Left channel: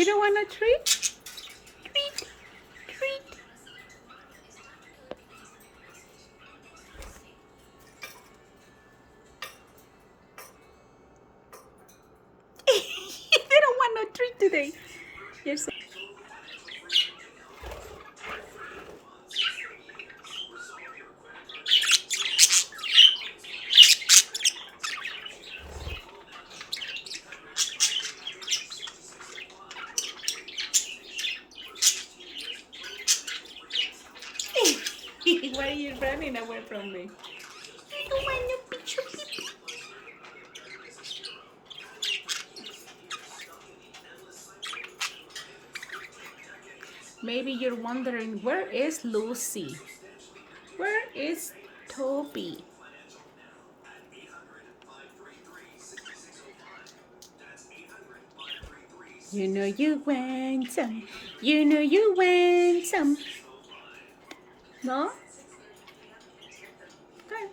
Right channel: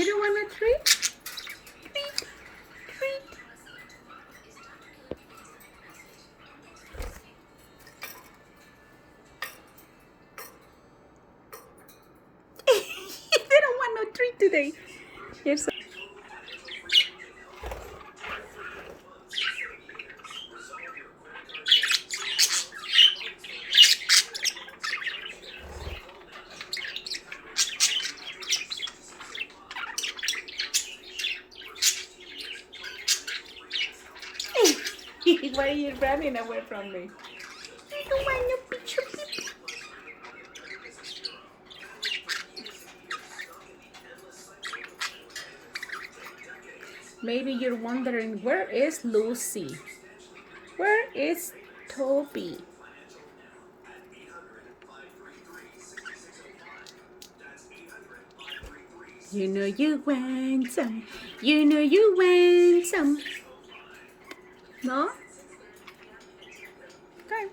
You don't want a treat? Treat, treat. They don't want no treat today. Yes. Why are you running away from me? I don't want no picture, pee. Maybe you're wondering, where is Lucy? Where is Toby? You know you want some. You know you want some. No? Okay.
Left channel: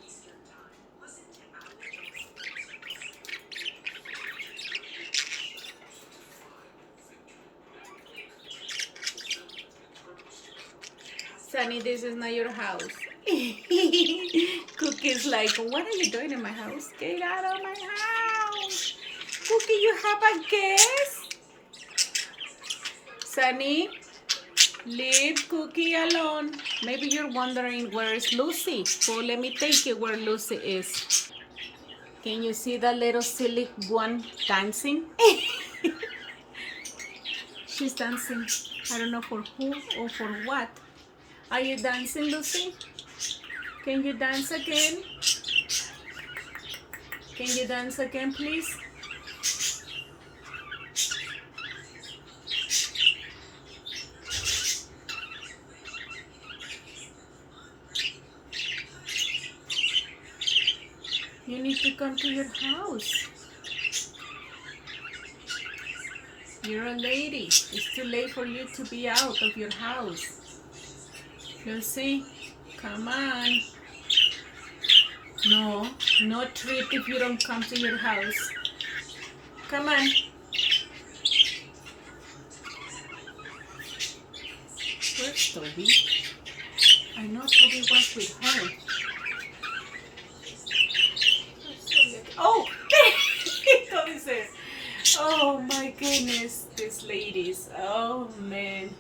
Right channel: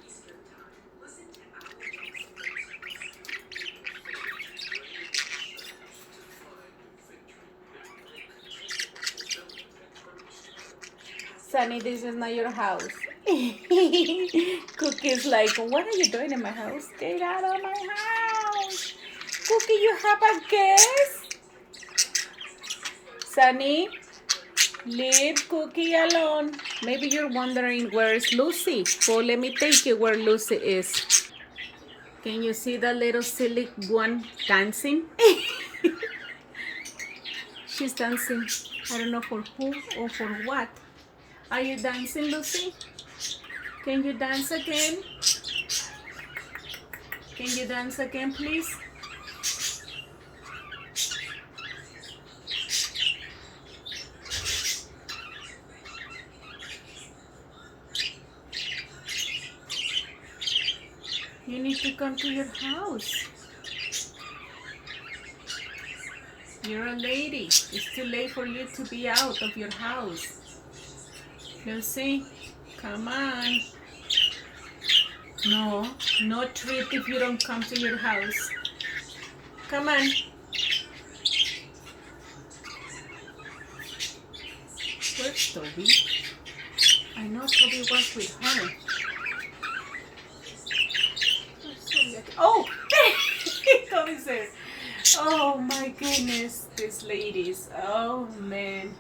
Sunny, this is not your house. Cookie's like, what are you doing in my house? Get out of my house. Cookie, you have a guest? Sunny, leave Cookie alone. Maybe you're wondering, where's Lucy? Well, let me take you where Lucy is. Can you see that little silly one dancing? She's dancing. I don't know for who or for what. Are you dancing, Lucy? Can you dance again? Can you dance again, please? You need to come to your house. You're a lady. It's too late for you to be out of your house. Lucy, come on. No, no treat if you don't come to your house. Come on. Where's Toby? I know Toby was with her. Oh, Toby says, oh my goodness, these ladies. Oh man.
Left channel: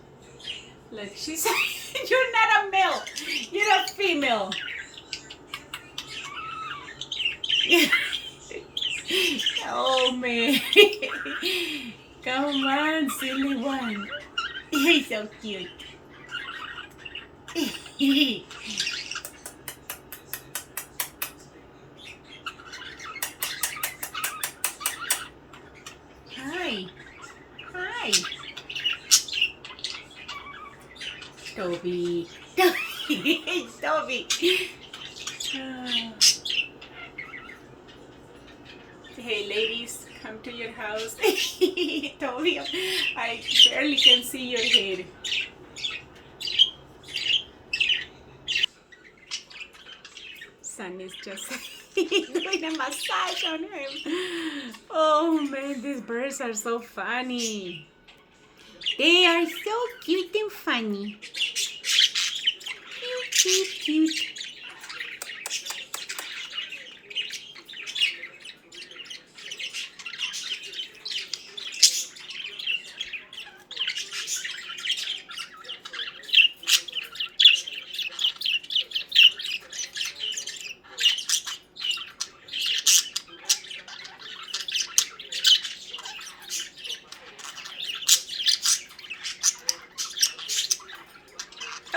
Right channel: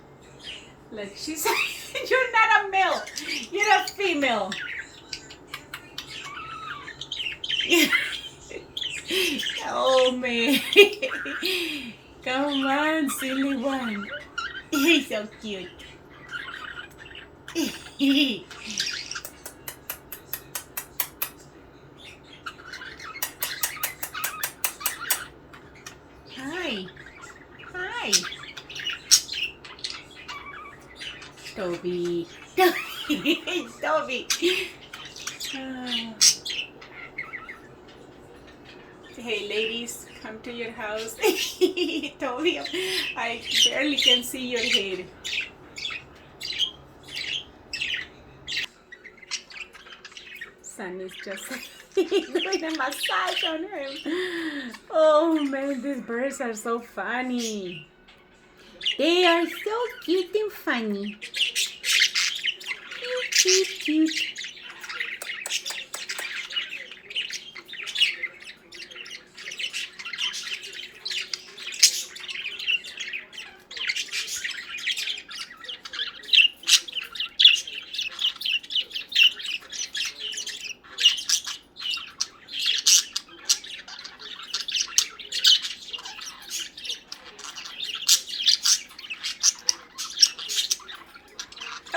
Like she said, you're not a male, you're a female. Oh man. Come on, silly one. He's so cute. Hi. Hi. Toby. Toby. Hey ladies, come to your house. Toby, I barely can see your head. Sunny's just doing a massage on him. Oh man, these birds are so funny. They are so cute and funny. Cute, cute, cute.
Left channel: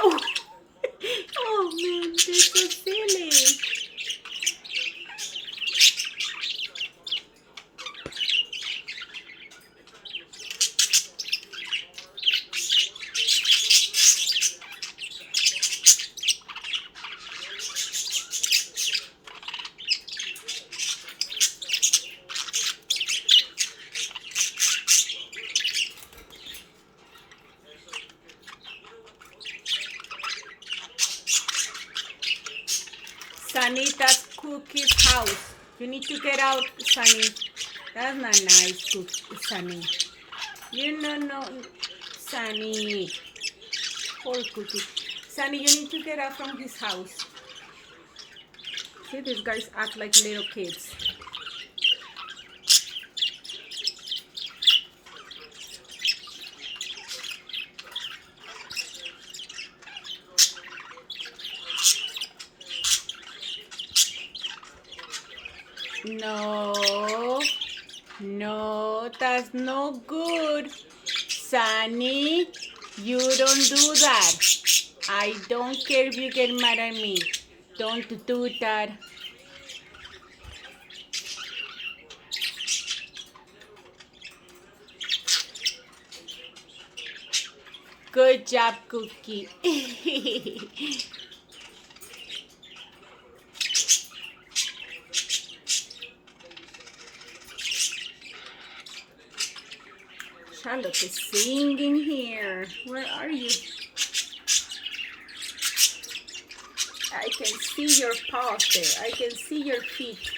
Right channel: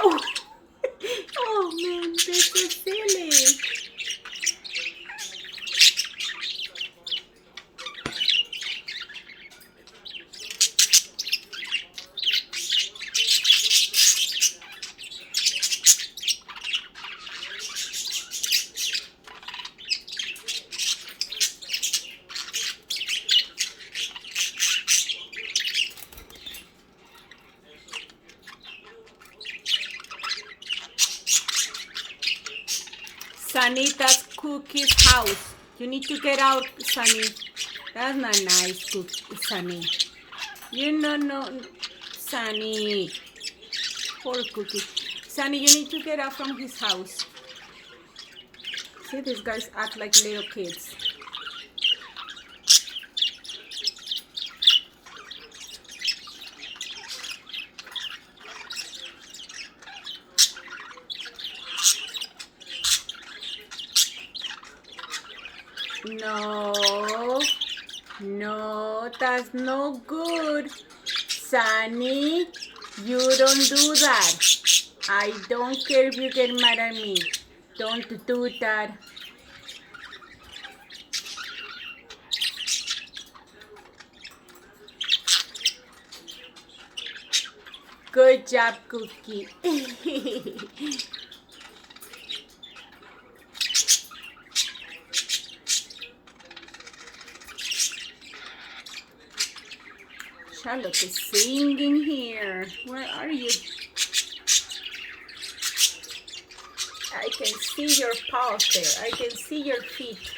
Oh, oh man, they're so silly. Sunny, that's Cookie's house. You need to get out, Sunny. That's not nice, Sunny. You know, no, Sunny. Poor Cookie. Sunny, you need to get out from his house. See, these guys act like little kids. No, no, that's no good. Sunny, you don't do that. I don't care if you get mad at me. Don't do that. Good job, Cookie. Charlotte is singing here. Where are you? I can see your paws there. I can see your feet.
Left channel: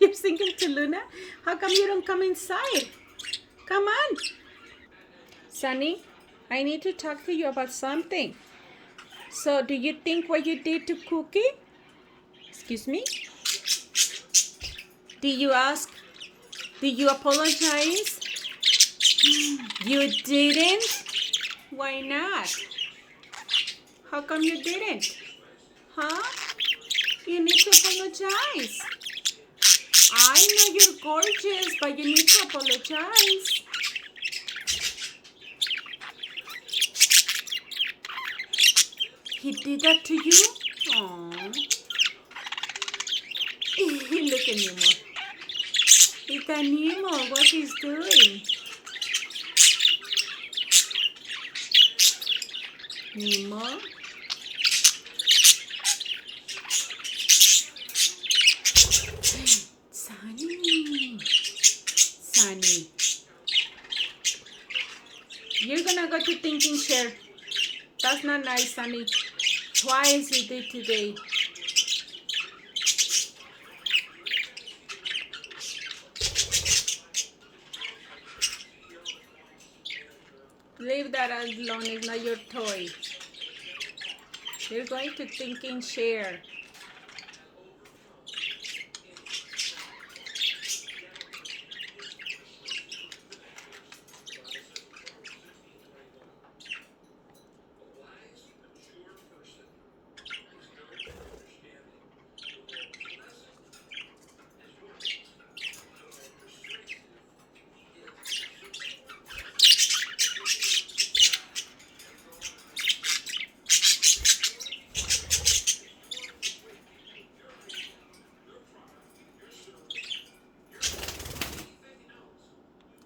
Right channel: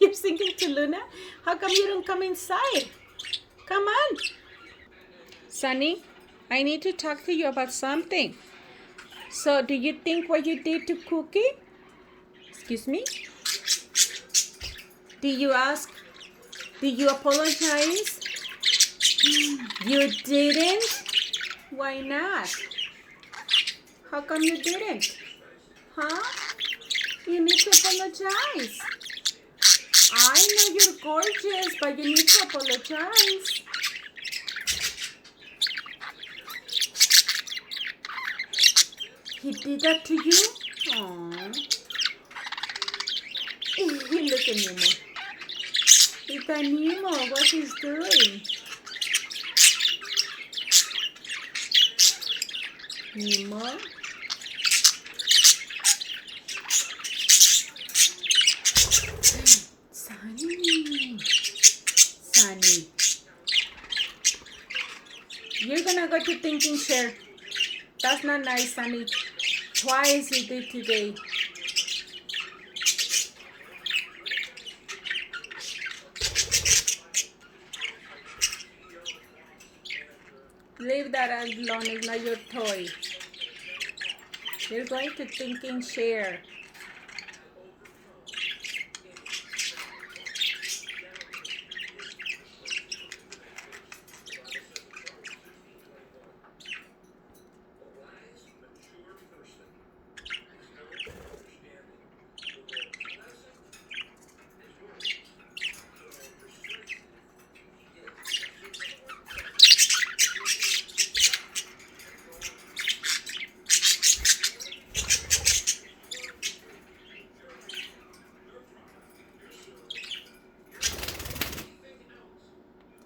You're singing to Luna? How come you don't come inside? Come on. Sunny, I need to talk to you about something. So, do you think what you did to Cookie? Excuse me? Did you ask? Did you apologize? You didn't? Why not? How come you didn't? Huh? You need to apologize. I know you're gorgeous, but you need to apologize. He did that to you? Aww. Look at Nemo. Look at Nemo, what he's doing. Nemo. Sunny. Sunny. You're gonna go to thinking chair. That's not nice, Sunny. Twice you did today. Leave that alone, it's not your toy. You're going to thinking chair.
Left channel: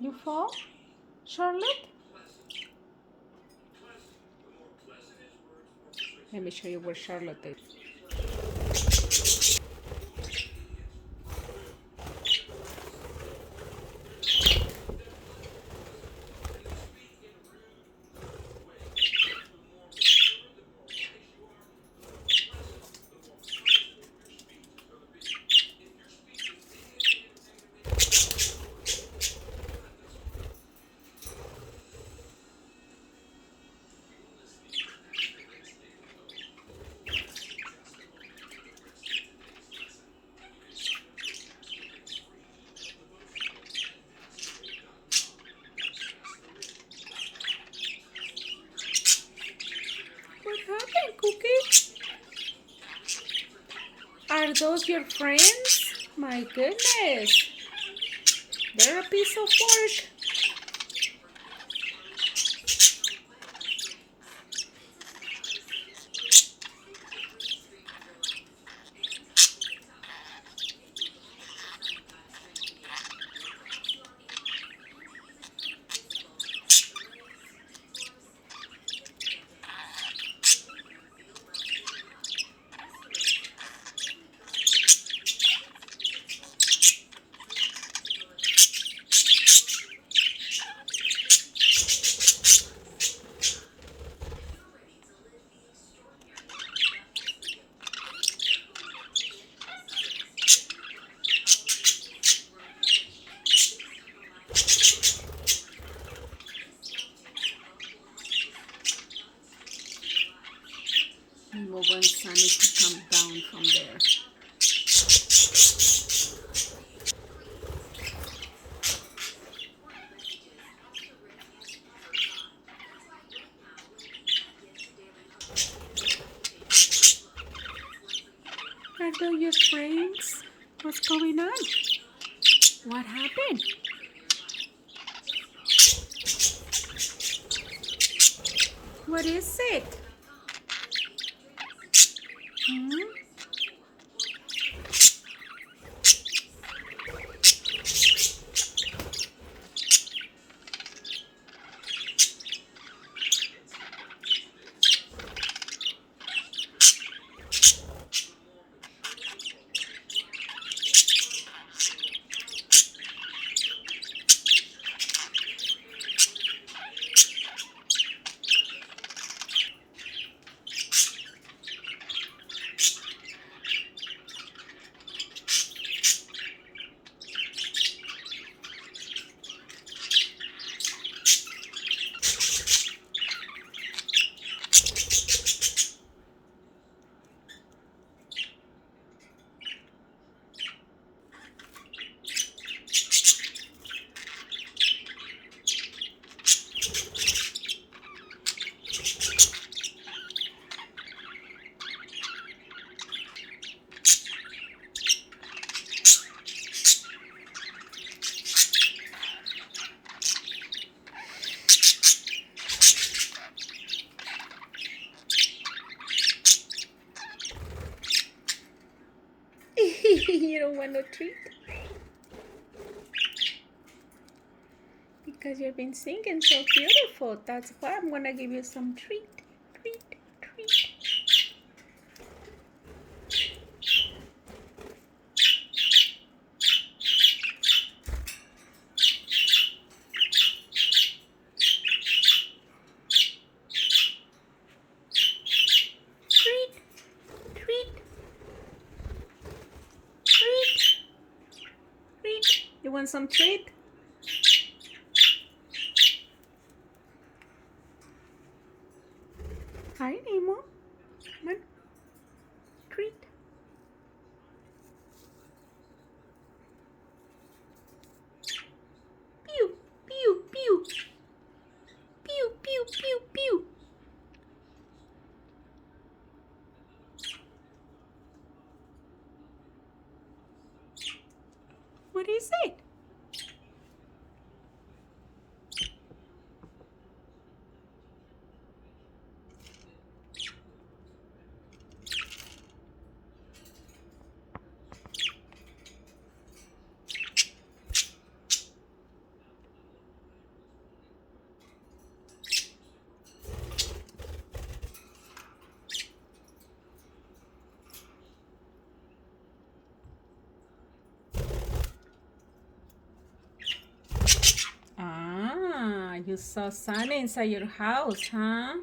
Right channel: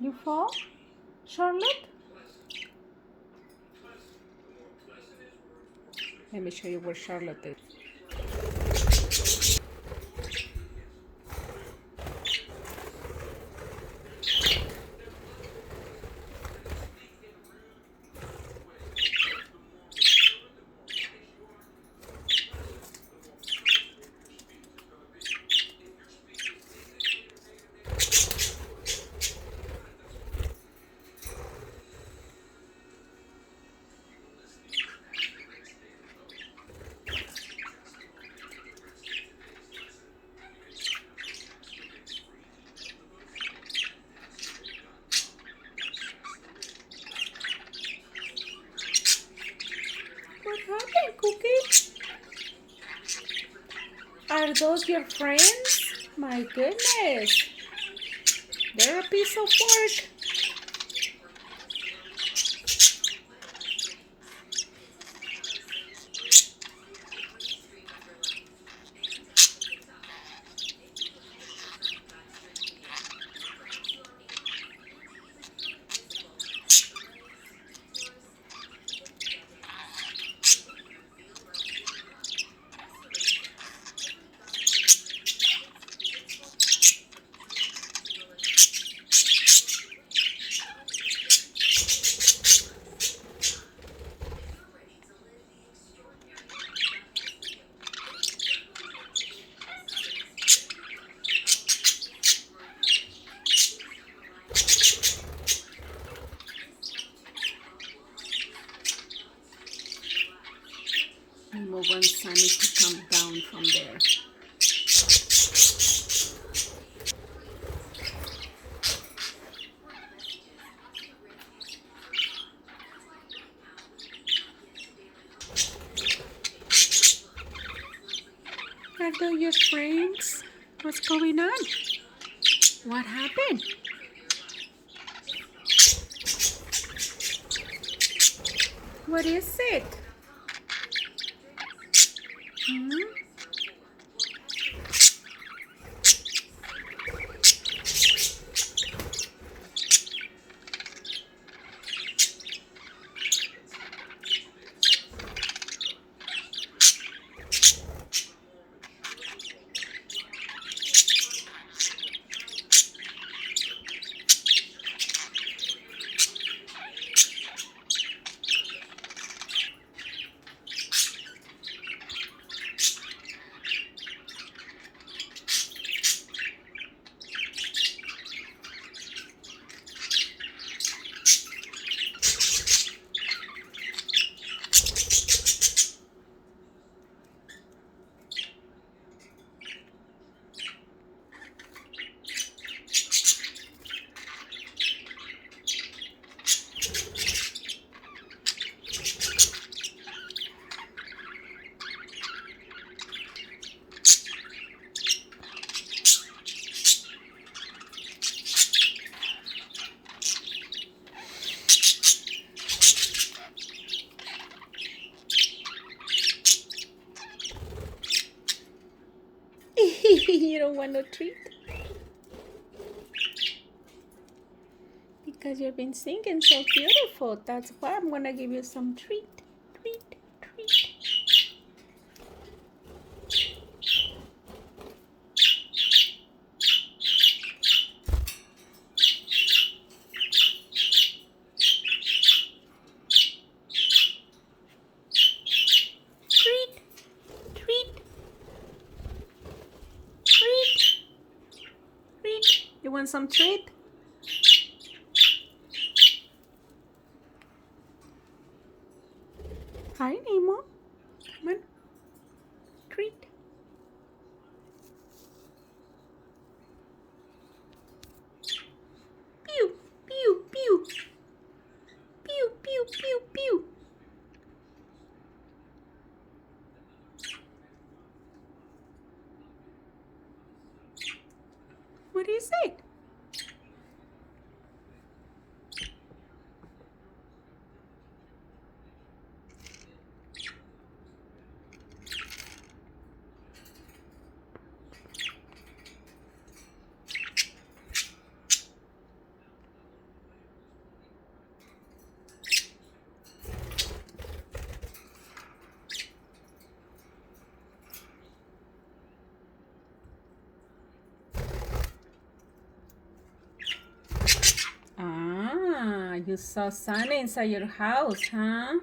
You fall, Charlotte? Let me show you where Charlotte is. What happened, Cookie? Are those your friends? My goodness. They're a piece of work. Sunny to come down from there. Are those your friends? What's going on? What happened? What is it? Hmm? You don't want no treat? Because you've been singing so beautiful. That's why I'm gonna give you some treat. Treat, treat. You want some treat? Hi, Nemo. Come on. Treat. Pew, pew, pew. Pew, pew, pew, pew. What is it? You saw Sunny inside your house, huh?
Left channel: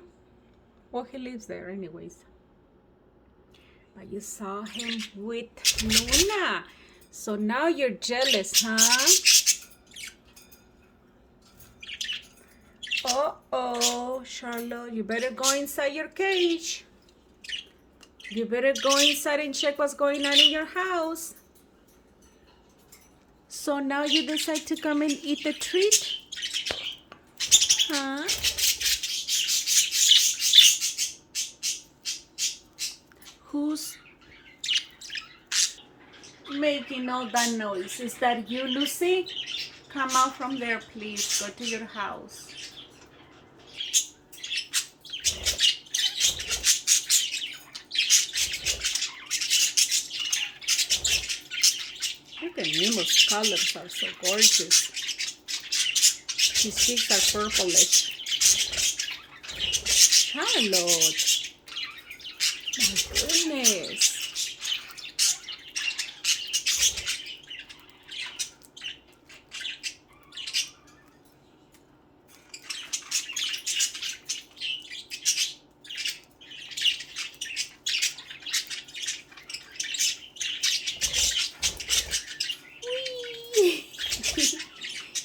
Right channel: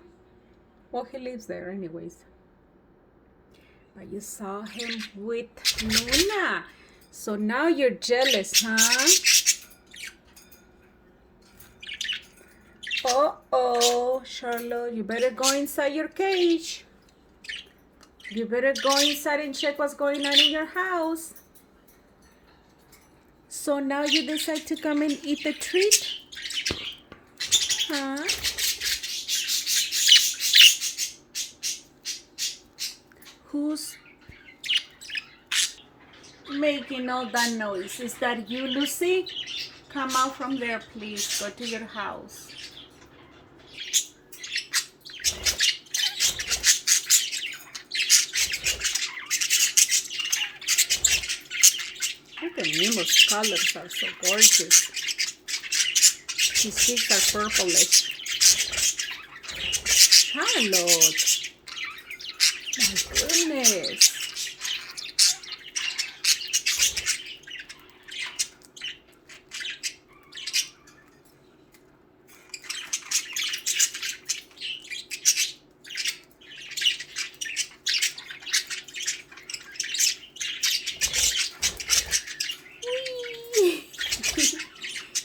Well, he lives there anyways. But you saw him with Luna. So now you're jealous, huh? Uh-oh, Charlotte, you better go inside your cage. You better go inside and check what's going on in your house. So now you decide to come and eat the treat? Huh? Who's making all that noise? Is that you, Lucy? Come out from there, please. Go to your house. Look at Nemo's colors are so gorgeous. His cheeks are purplish. Charlotte. My goodness.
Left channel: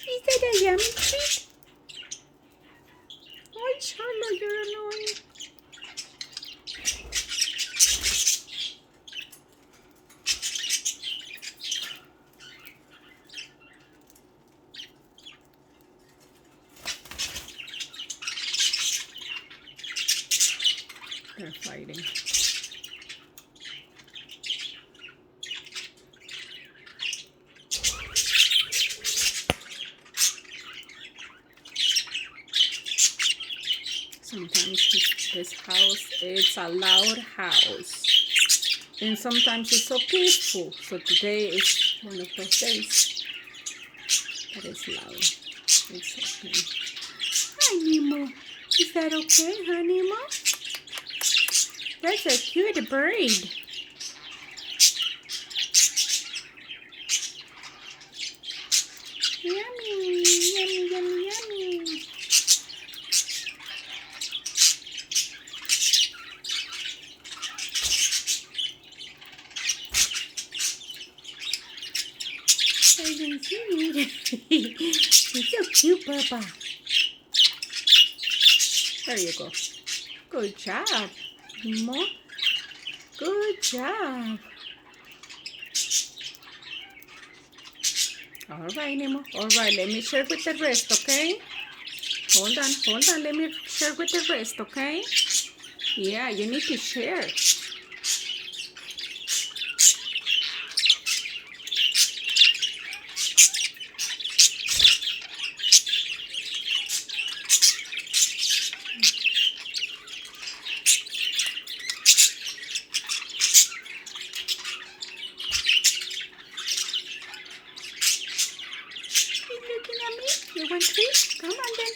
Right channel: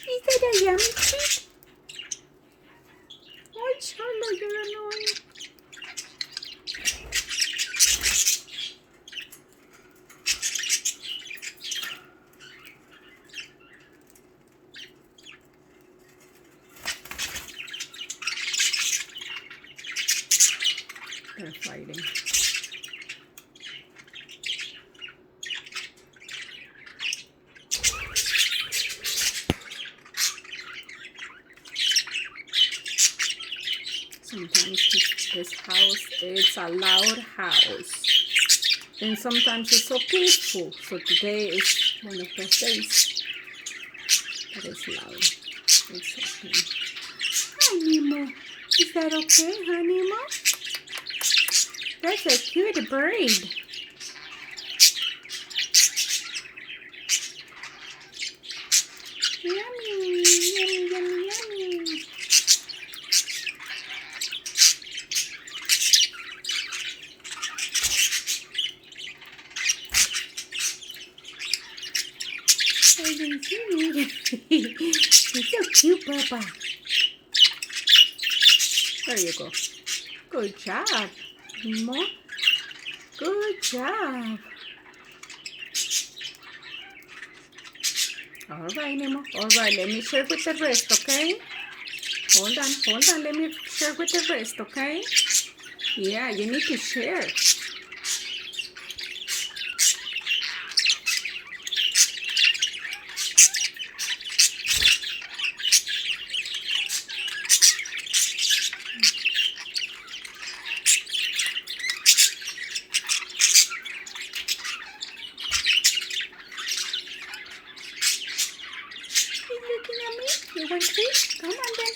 Is that a yummy treat? Oh, Charlotte, you're annoying. They're fighting. Sometimes this house, it's a loud house. And sometimes it's so peaceful. So today is one of those days that is loud. It's okay. Hi, Nemo. Is that okay, huh, Nemo? That's a cute bird. Yummy, yummy, yummy, yummy. I can see it. You're so cute, Papa. There you go. Good job, Nemo. Good job. All right, Nemo. All right, let me share with the rest, okay? Hold on. Let me share with the rest, okay? Yeah, you need to share. You looking at me? You want treat? Come on then.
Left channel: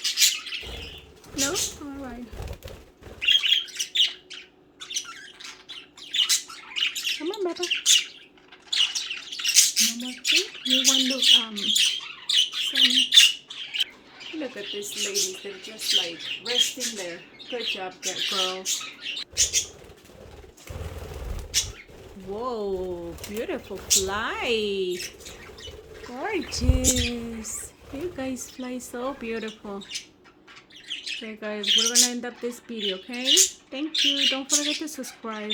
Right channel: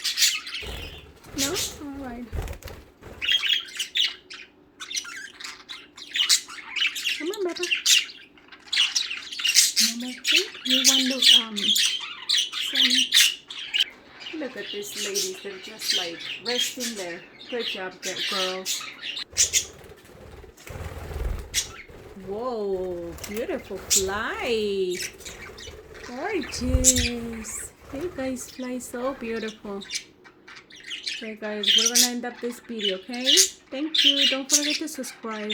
No? All right. Come on, Papa. No more treat? You want Sunny? Look at these ladies. They're just like resting there. Good job, girls. Whoa, beautiful fly. Gorgeous. You guys fly so beautiful. Okay, guys, we're gonna end up this video, okay? Thank you. Don't forget to subscribe.